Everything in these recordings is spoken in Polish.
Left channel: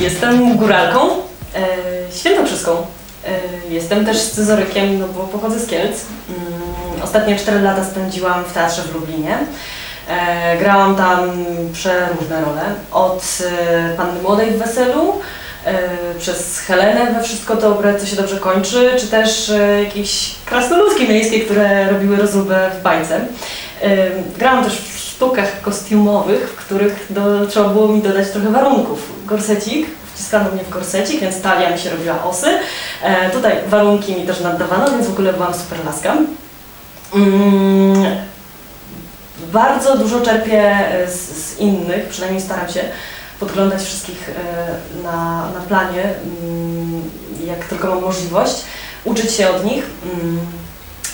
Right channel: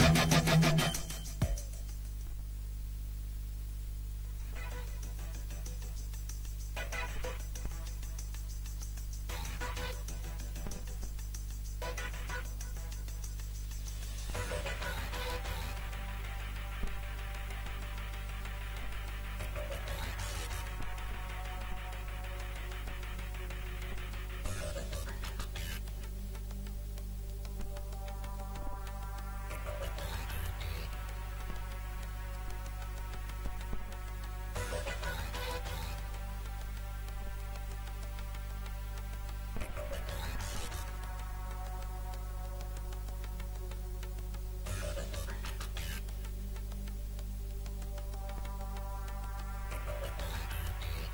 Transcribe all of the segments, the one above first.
Jestem góralką, e, świętokrzyską. E, jestem też scyzorykiem, no bo pochodzę z Kielc. Mm, ostatnie 4 lata spędziłam w teatrze w Lublinie. E, grałam tam przeróżne role. Od e, Panny Młodej w Weselu, e, przez Helenę we Wszystko Dobre, co się dobrze kończy, czy też e, jakieś krasnoludki miejskie, które robiły rozróbę w bajce. E, grałam też w sztukach kostiumowych, w których do, trzeba było mi dodać trochę warunków. Gorsecik, wciskano mnie w gorsecik, więc talia mi się robiła osy. E, tutaj warunki mi też naddawano, więc w ogóle byłam super laska. Mm, bardzo dużo czerpię z, z innych, przynajmniej staram się podglądać wszystkich e, na, na planie, mm, jak tylko mam możliwość, uczyć się od nich. Mm,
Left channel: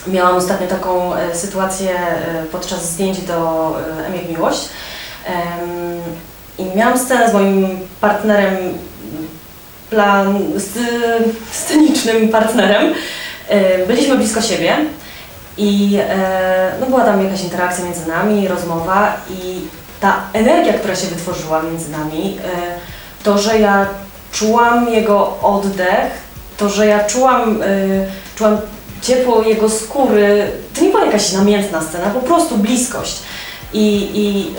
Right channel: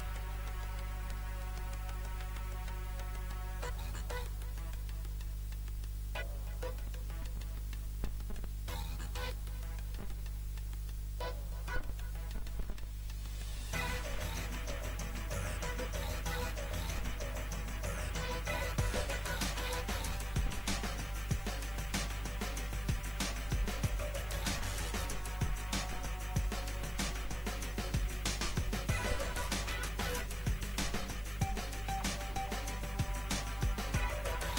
Miałam ostatnio taką e, sytuację e, podczas zdjęć do e, Emil Miłość i miałam scenę z moim partnerem, plan, scenicznym partnerem. Byliśmy blisko siebie i no była tam jakaś interakcja między nami, rozmowa i ta energia, która się wytworzyła między nami, to, że ja czułam jego oddech, to, że ja czułam, czułam ciepło jego skóry, to nie była jakaś namiętna scena, po prostu bliskość. I, i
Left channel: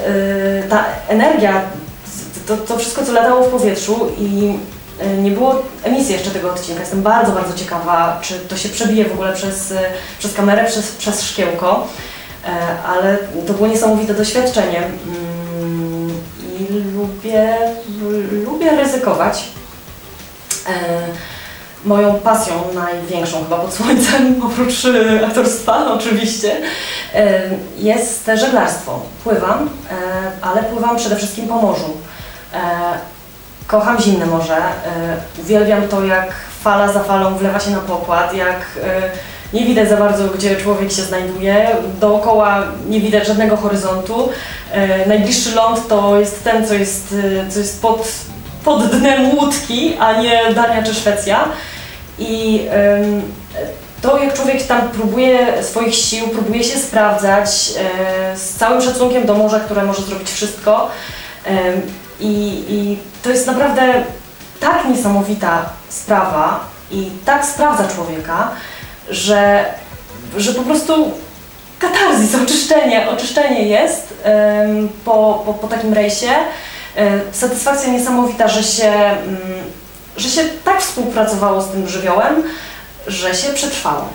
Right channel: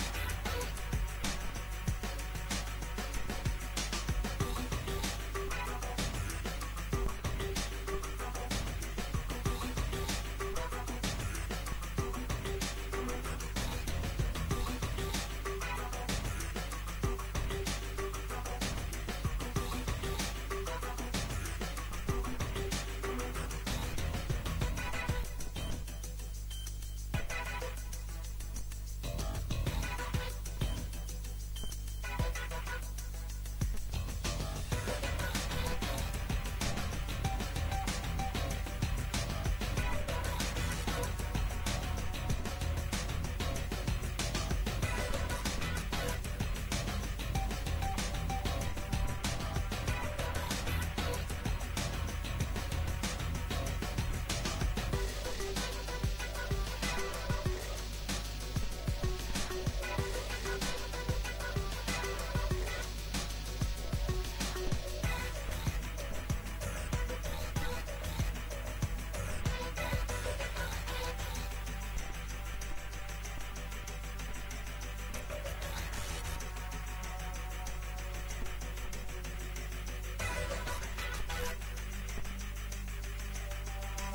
y, ta energia, to, to wszystko, co latało w powietrzu i y, nie było emisji jeszcze tego odcinka. Jestem bardzo, bardzo ciekawa, czy to się przebije w ogóle przez, y, przez kamerę, przez, przez szkiełko, E, ale to było niesamowite doświadczenie. Mm, I lubię, lubię ryzykować. Moją pasją największą chyba pod słońcem, oprócz e, aktorstwa oczywiście, e, jest żeglarstwo. Pływam, e, ale pływam przede wszystkim po morzu. Kocham zimne morze, uwielbiam to jak fala za falą wlewa się na pokład, jak nie widać za bardzo gdzie człowiek się znajduje, dookoła nie widać żadnego horyzontu. Najbliższy ląd to jest ten, co jest, co jest pod, pod dnem łódki, a nie Dania czy Szwecja. I em, to, jak człowiek tam próbuje swoich sił, próbuje się sprawdzać e, z całym szacunkiem do morza, które może zrobić wszystko. I, to jest naprawdę tak niesamowita sprawa i tak sprawdza człowieka, że, że po prostu katarzis, oczyszczenie, oczyszczenie jest po, po, po takim rejsie. E, Satysfakcja niesamowita, że się, mm, że się tak współpracowało z tym żywiołem, że się przetrwało.